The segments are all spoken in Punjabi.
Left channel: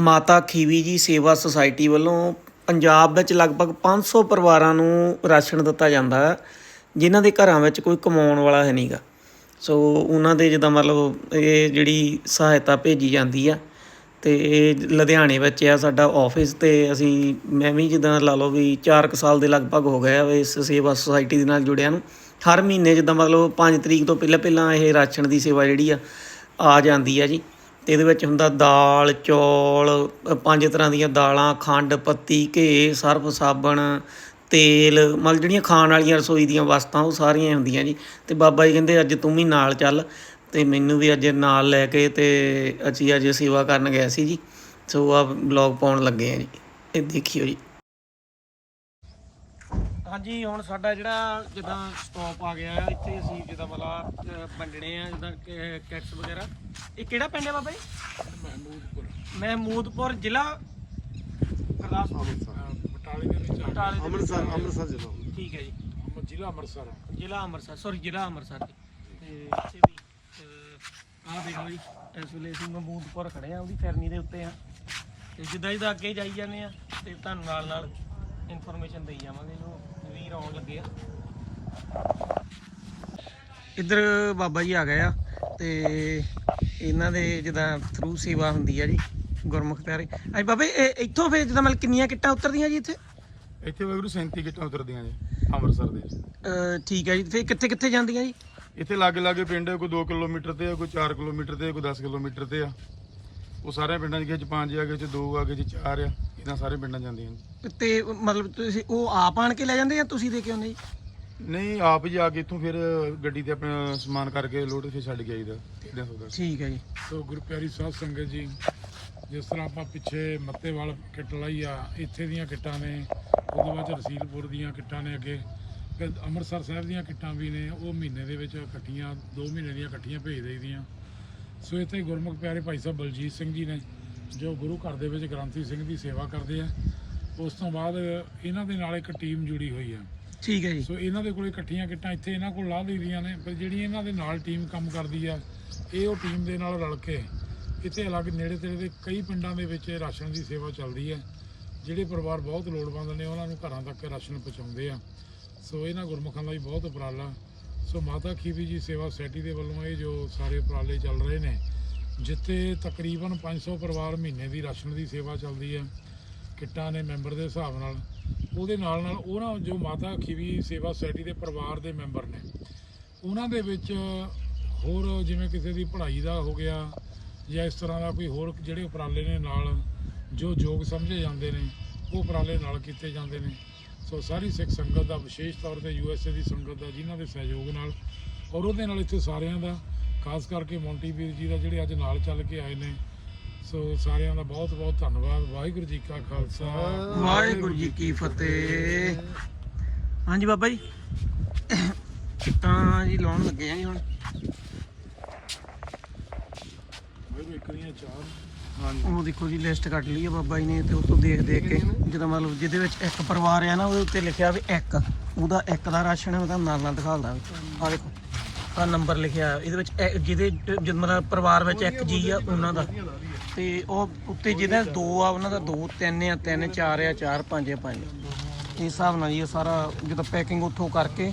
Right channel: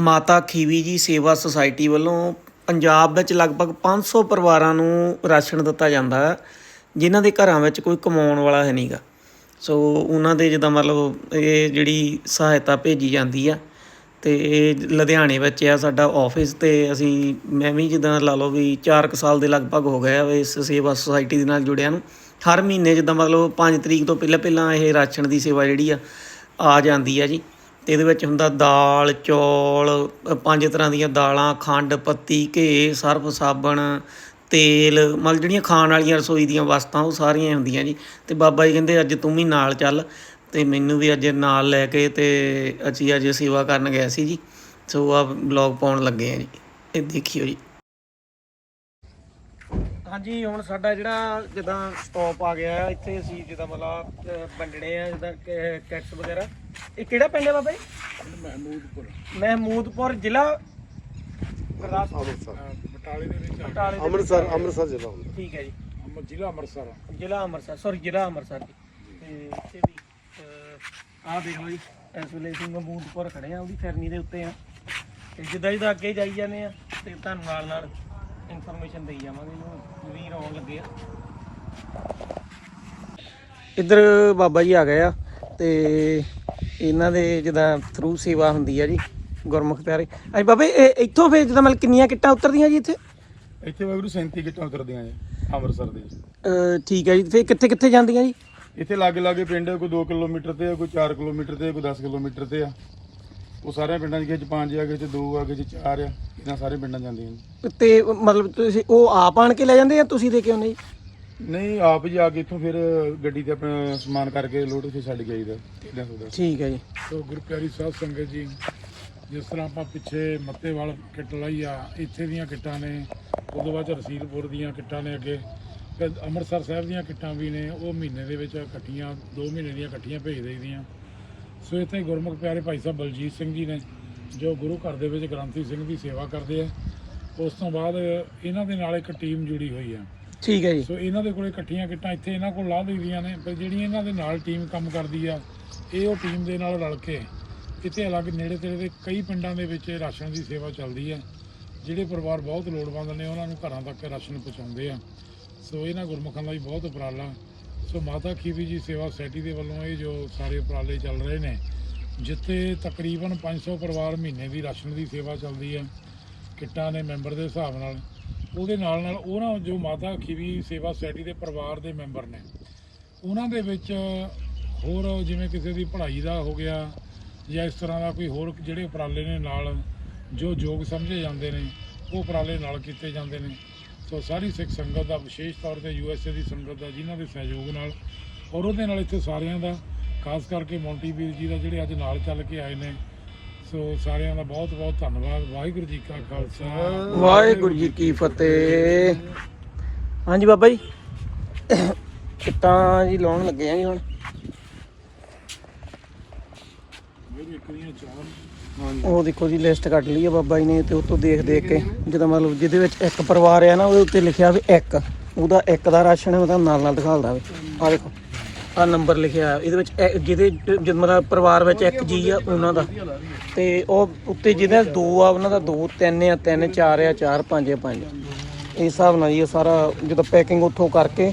ਮਾਤਾ ਖੀਵੀ ਜੀ ਸੇਵਾ ਸੁਸਾਇਟੀ ਵੱਲੋਂ ਪੰਜਾਬ ਵਿੱਚ ਲਗਭਗ 500 ਪਰਿਵਾਰਾਂ ਨੂੰ ਰਾਸ਼ਨ ਦਿੱਤਾ ਜਾਂਦਾ ਹੈ, ਜਿਨ੍ਹਾਂ ਦੇ ਘਰਾਂ ਵਿੱਚ ਕੋਈ ਕਮਾਉਣ ਵਾਲਾ ਹੈ ਨਹੀਂਗਾ। ਸੋ ਉਹਨਾਂ ਦੇ ਜਿੱਦਾਂ ਮਤਲਬ ਇਹ ਜਿਹੜੀ ਸਹਾਇਤਾ ਭੇਜੀ ਜਾਂਦੀ ਆ, ਤੇ ਇਹ ਲੁਧਿਆਣੇ ਵਿੱਚ ਆ ਸਾਡਾ ਆਫਿਸ ਤੇ ਅਸੀਂ, ਮੈਂ ਵੀ ਜਿੱਦਾਂ ਲਾ ਲਓ ਵੀ 4 ਕੁ ਸਾਲ ਦੇ ਲਗਭਗ ਹੋ ਗਏ ਆ ਇਸ ਸੇਵਾ ਸੁਸਾਇਟੀ ਦੇ ਨਾਲ ਜੁੜਿਆ ਨੂੰ। ਹਰ ਮਹੀਨੇ ਜਿੱਦਾਂ ਮਤਲਬ 5 ਤਰੀਕ ਤੋਂ ਪਹਿਲਾਂ ਪਹਿਲਾਂ ਇਹ ਰਾਸ਼ਨ ਦੀ ਸੇਵਾ ਜਿਹੜੀ ਆ ਆ ਜਾਂਦੀ ਆ ਜੀ। ਤੇ ਇਹਦੇ ਵਿੱਚ ਹੁੰਦਾ ਦਾਲ, ਚੌਲ, ਪੰਜ ਤਰ੍ਹਾਂ ਦੀਆਂ ਦਾਲਾਂ, ਖੰਡ, ਪੱਤੀ ਘੇ ਸਰਫ, ਸਾਬਣ, ਤੇਲ, ਮਤਲਬ ਜਿਹੜੀਆਂ ਖਾਣ ਵਾਲੀਆਂ ਰਸੋਈ ਦੀਆਂ ਵਸਤਾਂ ਉਹ ਸਾਰੀਆਂ ਹੁੰਦੀਆਂ ਜੀ। ਤੇ ਬਾਬਾ ਜੀ ਕਹਿੰਦੇ ਅੱਜ ਤੂੰ ਵੀ ਨਾਲ ਚੱਲ। ਤੇ ਮੈਨੂੰ ਵੀ ਅੱਜ ਨਾਲ ਲੈ ਕੇ ਤੇ ਅਸੀਂ ਅੱਜ ਸੇਵਾ ਕਰਨ ਗਏ ਸੀ ਜੀ। ਸੋ ਆ ਬਲੌਗ ਪਾਉਣ ਲੱਗੇ ਆ ਜੀ। ਇਹ ਦੇਖਿਓ ਜੀ। ਹਾਂਜੀ, ਹੁਣ ਸਾਡਾ ਜਿਹੜਾ ਜਿੱਦਾਂ ਸਟਾਪ ਆ ਗਿਆ, ਇੱਥੇ ਅਸੀਂ ਜਿੱਦਾਂ ਮਤਲਬ ਵੰਡਣੇ ਆ, ਜਿੱਦਾਂ ਕੈਟਸ ਵਗੈਰਾ। ਇਹ ਕਿਹੜਾ ਪਿੰਡ ਹੈ ਬਾਬਾ ਜੀ? ਮਹਿਮੂਦਪੁਰ। ਮਹਿਮੂਦਪੁਰ ਜ਼ਿਲ੍ਹਾ ਗੁਰਦਾਸਪੁਰ। ਬਟਾਲੇ ਦੇ ਵਿੱਚ ਬਟਾਲੇ ਦੇ ਅੰਮ੍ਰਿਤਸਰ ਜ਼ਿਲ੍ਹਾ ਹੁੰਦਾ। ਠੀਕ ਹੈ ਜੀ। ਅੰਮ੍ਰਿਤ ਜ਼ਿਲ੍ਹਾ ਅੰਮ੍ਰਿਤਸਰ ਜ਼ਿਲ੍ਹਾ ਅੰਮ੍ਰਿਤਸਰ ਸੌਰੀ ਜ਼ਿਲ੍ਹਾ ਅੰਮ੍ਰਿਤਸਰ ਜੀ। ਤੇ ਇੱਥੇ ਵੀ ਆਹ ਦੇਖ ਜੀ ਇਸ ਵੇਲੇ ਅਸੀਂ ਮਹਿਮੂਦਪੁਰ ਖੜੇ ਆ ਉਹਦੀ ਫਿਰਨੀ ਦੇ ਉੱਤੇ ਆ ਤੇ ਜਿੱਦਾਂ ਜਿੱਦਾਂ ਅੱਗੇ ਜਾਈ ਜਾਂਦੇ ਆ ਤੇ ਤੁਹਾਨੂੰ ਨਾਲ ਨਾਲ ਇਨਫੋਰਮੇਸ਼ਨ ਦੇਈ ਜਾਵਾਂਗੇ ਜੋ ਵੀਰ ਆਉਣ ਲੱਗੇ ਆ। ਇੱਧਰ ਬਾਬਾ ਜੀ ਆ ਗਏ ਆ ਤੇ ਇਹਨਾਂ ਦੇ ਜਿੱਦਾਂ ਥਰੂ ਸੇਵਾ ਹੁੰਦੀ ਆ ਜੀ ਗੁਰਮੁਖ ਪਿਆਰੇ। ਅਈ ਬਾਬੇ ਇਹ ਇੱਥੋਂ ਫੇਰ ਜਿੱਦਾਂ ਮਤਲਬ ਕਿੰਨੀਆਂ ਕਿੱਟਾਂ ਉਤਰਦੀਆਂ ਜੀ ਇੱਥੇ? ਇੱਥੇ ਵਾਗਰੂ 37 ਕਿੱਟਾਂ ਉਤਰਦੀਆਂ ਜੀ ਅੰਮ੍ਰਿਤਸਰ ਦੇ। ਅਹ ਠੀਕ ਹੈ ਜੀ ਫੇਰ ਕਿੱਥੇ ਕਿੱਥੇ ਜਾਂਦੀਆਂ ਜੀ? ਇੱਥੇ ਲਾਗੇ ਲਾਗੇ ਪਿੰਡ ਹੈ, ਕੋਈ 2 ਕਿਲੋਮੀਟਰ ਤੇ ਆ ਕੋਈ 4 ਕਿਲੋਮੀਟਰ ਤੇ ਆ, ਕੋਈ 10 ਕਿਲੋਮੀਟਰ ਤੇ ਆ। ਉਹ ਸਾਰੇ ਪਿੰਡਾਂ 'ਚ ਚ ਪੰਜ ਆ ਗਏ ਚ ਦੋ ਆ ਗਏ ਚ ਚਾਰ ਆ ਇਦਾਂ ਸਾਰੇ ਪਿੰਡਾਂ 'ਚ ਜਾਂਦੀਆਂ ਨੇ ਤੇ ਮਤਲਬ ਤੁਸੀਂ ਉਹ ਆਪ ਆਣ ਕੇ ਲੈ ਜਾਂਦੇ ਆ ਤੁਸੀਂ ਦੇ ਕੇ ਆਉਂਦੇ ਜੀ? ਨਹੀਂ ਆਪ ਹੀ ਆ ਕੇ ਇੱਥੋਂ ਫਿਰ ਗੱਡੀ ਤੇ ਆਪਣਾ ਸਮਾਨ ਕਰਕੇ ਲੋਡ ਇੱਥੇ ਛੱਡ ਕੇ ਆਈਦਾ ਸੋਦਾ? ਠੀਕ ਹੈ ਜੀ। ਸੋ ਗੁਰਪਿਆਰੀ ਸਾਧ ਸੰਗਤ ਜੀ ਜਿਸ ਤਰ੍ਹਾਂ ਆਪਾਂ ਪਿੱਛੇ ਮੱਤੇਵਾਲ ਕਿੱਟ ਲਈ ਆ ਇੱਥੇ ਦੀਆਂ ਕਿੱਟਾਂ ਨੇ ਉਦੋਂ ਬਾਅਦ 'ਚ ਰਸੀਦਪੁਰ ਦੀਆਂ ਕਿੱਟਾਂ ਨੇ ਅੱਗੇ ਫਿਰ ਅੰਮ੍ਰਿਤਸਰ ਸਾਹਿਬ ਦੀਆਂ ਕਿੱਟਾਂ ਵੀ ਨੇ ਉਹ ਮਹੀਨੇ ਦੇ ਵਿੱਚ ਇਕੱਠੀਆਂ 2 ਮਹੀਨੇ ਦੀਆਂ ਇਕੱਠੀਆਂ ਭੇਜ ਦੇਈਦੀਆਂ। ਸੋ ਇੱਥੇ ਗੁਰਮੁਖ ਪਿਆਰੇ ਭਾਈ ਸਾਹਿਬ ਬਲਜੀਤ ਸਿੰਘ ਜੀ ਨੇ ਜੋ ਗੁਰੂ ਘਰ ਦੇ ਵਿੱਚ ਗ੍ਰੰਥੀ ਸਿੰਘ ਦੀ ਸੇਵਾ ਕਰਦੇ ਆ ਉਸ ਤੋਂ ਬਾਅਦ ਇਹਨਾਂ ਦੇ ਨਾਲ ਇੱਕ ਟੀਮ ਜੁੜੀ ਹੋਈ ਆ। ਠੀਕ ਹੈ ਜੀ। ਸੋ ਇਹਨਾਂ ਦੇ ਕੋਲੇ ਇਕੱਠੀਆਂ ਕਿੱਟਾਂ ਇੱਥੇ ਇਹਨਾਂ ਕੋਲ ਲਾਹ ਲਈਆਂ ਨੇ, ਪਰ ਜਿਹੜੀਆਂ ਇਹਨਾਂ ਦੇ ਨਾਲ ਟੀਮ ਕੰਮ ਕਰਦੀ ਆ, ਇਹ ਉਹ ਟੀਮ ਦੇ ਨਾਲ ਰਲ ਕੇ ਇੱਥੇ ਅਲੱਗ ਨੇੜੇ ਤੇੜੇ ਦੇ ਕਈ ਪਿੰਡਾਂ ਦੇ ਵਿੱਚ ਰਾਸ਼ਨ ਦੀ ਸੇਵਾ ਚੱਲਦੀ ਆ, ਜਿਹੜੇ ਪਰਿਵਾਰ ਬਹੁਤ ਲੋੜਵੰਦ ਨੇ, ਉਹਨਾਂ ਨੂੰ ਘਰਾਂ ਤੱਕ ਰਾਸ਼ਨ ਪਹੁੰਚਾਉਂਦੇ ਆ। ਸੋ ਇਹਨਾਂ ਗੁਰਮੁਖਾਂ ਦਾ ਵੀ ਬਹੁਤ ਉਪਰਾਲਾ। ਸੋ ਮਾਤਾ ਖੀਵੀ ਜੀ ਸੇਵਾ ਸੁਸਾਇਟੀ ਦੇ ਵੱਲੋਂ ਇਹ ਜੋ ਸਾਰੇ ਉਪਰਾਲੇ ਚੱਲ ਰਹੇ ਨੇ, ਜਿੱਥੇ ਤਕਰੀਬਨ 500 ਪਰਿਵਾਰ ਮਹੀਨੇ ਦੀ ਰਾਸ਼ਨ ਦੀ ਸੇਵਾ ਚੱਲਦੀ ਹੈ ਕਿੱਟਾਂ ਨੇ ਮੈਂਬਰ ਦੇ ਹਿਸਾਬ ਨਾਲ, ਉਹਦੇ ਨਾਲ ਨਾਲ ਉਹਨਾਂ ਜੋ ਮਾਤਾ ਖੀਵੀ ਸੇਵਾ ਸੁਸਾਇਟੀ ਦੇ ਪਰਿਵਾਰ ਦੇ ਮੈਂਬਰ ਨੇ, ਉਹਨਾਂ ਦੇ ਵਿੱਚ ਹੋਰ ਜਿਵੇਂ ਕਿਸੇ ਦੀ ਪੜ੍ਹਾਈ ਦਾ ਹੋ ਗਿਆ, ਜਾਂ ਇਸ ਤਰ੍ਹਾਂ ਦਾ ਕੋਈ ਹੋਰ ਜਿਹੜੇ ਉਪਰਾਲੇ ਨੇ ਨਾਲ ਜੋ ਯੋਗ ਸਮਝੇ ਜਾਂਦੇ ਨੇ, ਉਹ ਉਪਰਾਲੇ ਨਾਲ ਕੀਤੇ ਜਾਂਦੇ ਨੇ। ਸੋ ਸਾਰੀ ਸਿੱਖ ਸੰਗਤ ਦਾ ਵਿਸ਼ੇਸ਼ ਤੌਰ ਤੇ ਯੂਐਸਏ ਦੀ ਸੰਗਤ ਦਾ, ਜਿਨ੍ਹਾਂ ਦੇ ਸਹਿਯੋਗ ਨਾਲ ਔਰ ਉਹਦੇ ਨਾਲ ਇੱਥੇ ਸਾਰਿਆਂ ਦਾ, ਖਾਸ ਕਰਕੇ ਮੌਂਟੀ ਵੀਰ ਜੀ ਦਾ ਜਿਹੜੇ ਅੱਜ ਨਾਲ ਚੱਲ ਕੇ ਆਏ ਨੇ ਸੋ ਸਾਰਿਆਂ ਦਾ ਬਹੁਤ ਬਹੁਤ ਧੰਨਵਾਦ। ਵਾਹਿਗੁਰੂ ਜੀ ਕਾ ਖਾਲਸਾ। ਵਾਹਿਗੁਰੂ ਜੀ ਕੀ ਫਤਿਹ। ਹਾਂਜੀ ਬਾਬਾ ਜੀ। ਕਿੱਟਾਂ ਜੀ ਲਾਉਣ ਲੱਗੇ ਆ ਜੀ ਹੁਣ। ਉਹ ਦੇਖੋ ਜੀ ਲਿਸਟ ਕੱਢ ਲਈ ਆ ਬਾਬਾ ਜੀ ਨੇ ਤੇ ਉਹ ਤੋਂ ਦੇਖ ਦੇਖ ਕੇ ਜਿਹਦਾ ਮਤਲਬ ਜਿਹਦੇ ਵਿੱਚ ਇੱਕ ਪਰਿਵਾਰ ਆ ਨਾ ਉਹਦੇ ਉੱਤੇ ਲਿਖਿਆ ਵੀ ਇੱਕ। ਉਹਦਾ ਇੱਕ ਦਾ ਰਾਸ਼ਨ ਹੈ ਉਹਦਾ ਨਾਲ ਨਾਲ ਦਿਖਾਉਂਦਾ ਵਿੱਚ ਆ ਦੇਖੋ। ਆ ਨੰਬਰ ਲਿਖਿਆ ਇਹਦੇ ਵਿੱਚ ਇਹ- ਜਿਹਦੇ ਜਦ ਮਤਲਬ ਪਰਿਵਾਰ ਵਿੱਚ ਇੱਕ ਜੀ ਆ ਉਹਨਾਂ ਦਾ। ਤੇ ਉਹ ਉੱਤੇ ਜਿਹਦੇ ਦੋ ਆ ਉਹਨਾਂ ਦਾ ਦੋ ਤਿੰਨ ਆ ਤਿੰਨ ਚਾਰ ਆ ਚਾਰ ਪੰਜ ਆ ਪੰਜ। ਇਸ ਹਿਸਾਬ ਨਾਲ ਜੀ ਇਹ ਸਾਰਾ ਜਦੋਂ ਪੈਕਿੰਗ ਉੱਥੋਂ ਕਰਕੇ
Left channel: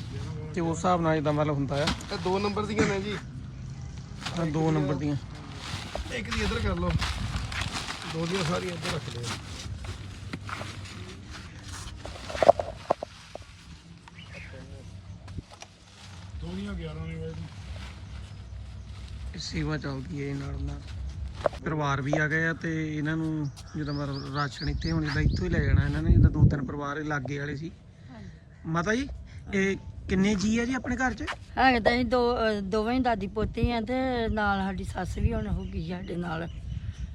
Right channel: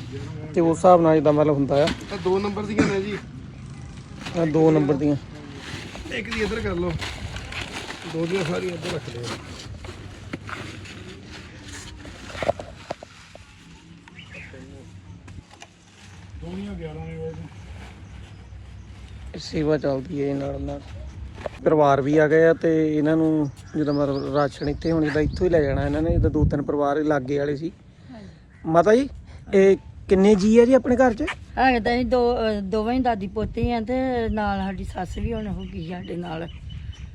ਤੇ ਉਸ ਹਿਸਾਬ ਨਾਲ ਜਿੱਦਾਂ ਮਤਲਬ ਹੁੰਦਾ ਆ। ਇਹ ਦੋ ਨੰਬਰ ਦੀਆਂ ਨੇ ਜੀ। ਆਹ ਦੋ ਨੰਬਰ ਦੀਆਂ। ਇੱਕ ਦੀ ਇੱਧਰ ਕਰ ਲਓ। ਦੋ ਦੀਆਂ ਸਾਰੀਆਂ ਇੱਧਰ ਰੱਖ ਲਿਓ। ਦੋਨੀਆਂ 11 ਨੇ ਵੈਸੇ ਸੇਵਾ ਚੱਲਦੀ ਹੈ ਨਾਲ ਨਾਲ। ਪਰਿਵਾਰ ਵੀ ਆ ਗਏ ਆ ਤੇ ਇਹਨਾਂ ਨੂੰ ਜਦੋਂ ਮਤਲਬ ਰਾਸ਼ਨ ਇੱਥੇ ਹੁਣ ਜਿੱਦਾਂ ਇੱਥੋਂ ਹੀ ਲੈ ਜਾਣਾ ਇਹਨਾਂ ਨੇ ਜਿੱਦਾਂ ਦੋ ਤਿੰਨ ਪਰਿਵਾਰ ਲਾਗੇ ਵਾਲੇ ਸੀ। ਮਾਤਾ ਜੀ ਇਹ ਕਿੰਨੇ ਜੀ ਆ ਜੀ ਆਪਣੇ ਘਰ 'ਚ? ਹੈਗੇ ਤਾਂ ਅਸੀਂ ਦੋ ਅਹ ਦੋਵੇਂ ਹੀ ਦਾਦੀ ਪੋਤੇ ਆ ਤੇ ਨਾਲ ਸਾਡੀ ਸੱਸ ਵੀ ਹੁਣ ਹੋ ਗਈ ਸਾਡੇ ਨਾਲ।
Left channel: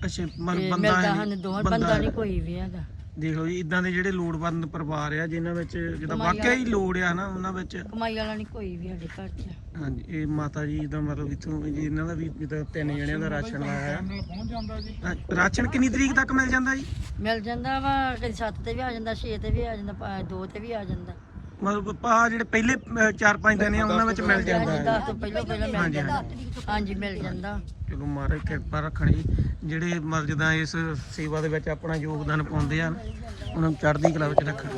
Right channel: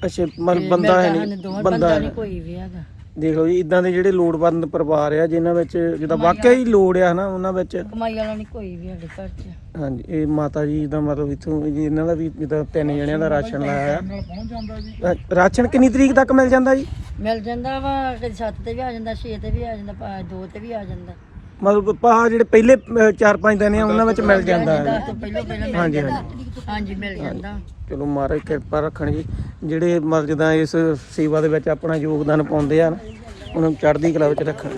ਅੱਛਾ ਤੇ ਮਤਲਬ ਬੰਦਾ ਹੈ ਮਿਲਦਾ ਸਾਨੂੰ ਨਹੀਂ ਦੋਵੇਂ ਬੰਦਾ ਨਹੀਂ। ਕੋਈ ਵੀ ਹੈਗਾ। ਦੇਖ ਲਓ ਜੀ ਇਦਾਂ ਦੇ ਜਿਹੜੇ ਲੋੜਵੰਦ ਪਰਿਵਾਰ ਆ ਜਿਨ੍ਹਾਂ ਵਿੱਚ ਜਿੱਦਾਂ ਵਾਕਿਆ ਹੀ ਲੋੜ ਆ ਨਾ ਉਹਨਾਂ ਵਿੱਚ। ਕਮਾਈ ਵਾਲਾ ਨਹੀਂ ਕੋਈ ਵੀ ਹੈਗਾ ਘਰ 'ਚ ਹਾਂਜੀ ਇਹ ਮਾਤਾ ਜੀ ਦਾ ਮਤਲਬ ਇੱਥੋਂ ਜੀ ਇਹਨਾਂ ਦਾ ਵੀ ਜਿੱਦਾਂ ਤਿੰਨ ਜਣਿਆਂ ਦਾ ਰਾਸ਼ਨ ਲਾਇਆ। ਆ ਰਾਸ਼ਨ ਕਿੰਨੀ ਤਰੀਕ ਤੱਕ ਮਿਲ ਜਾਂਦਾ ਜੀ? ਮਿਲ ਜਾਂਦਾ ਵਾ ਕਦੀ 7 ਤੇ ਵੀ ਆ ਜਾਂਦਾ 6 ਤੇ ਵੀ ਆ ਜਾਂਦਾ 2 ਤੇ ਵੀ ਆ ਜਾਂਦਾ। ਮਤਲਬ ਪਾ ਜਿਹੜੇ ਪਹਿਲੇ 4-5 ਦਿਨ ਆ ਉਹਨਾਂ ਵਿੱਚ ਮਿਲ ਜਾਂਦਾ ਹੈ। ਦਸ ਤੋਂ ਪਹਿਲਾਂ ਪਹਿਲਾਂ ਹਾਂਜੀ ਹਾਂਜੀ। ਹਾਂਜੀ ਮਿਲ ਜਾਂਦਾ। ਚਲੋ ਮਹਾਰਾਜ ਕਿਰਪਾ ਰੱਖਣ ਜੀ। ਜਿਹੜੇ ਮਰ ਜਿੱਦਾਂ ਇਸ ਸੇਵਾ ਦੇ ਵਿੱਚ ਆਪਣਾ ਯੋਗਦਾਨ ਪਾਉਂਦੇ ਆ ਨਾ, ਉਹਨਾਂ ਨੂੰ ਚੜ੍ਹਦੀ ਕਲਾ ਵਿੱਚ ਰੱਖਣ।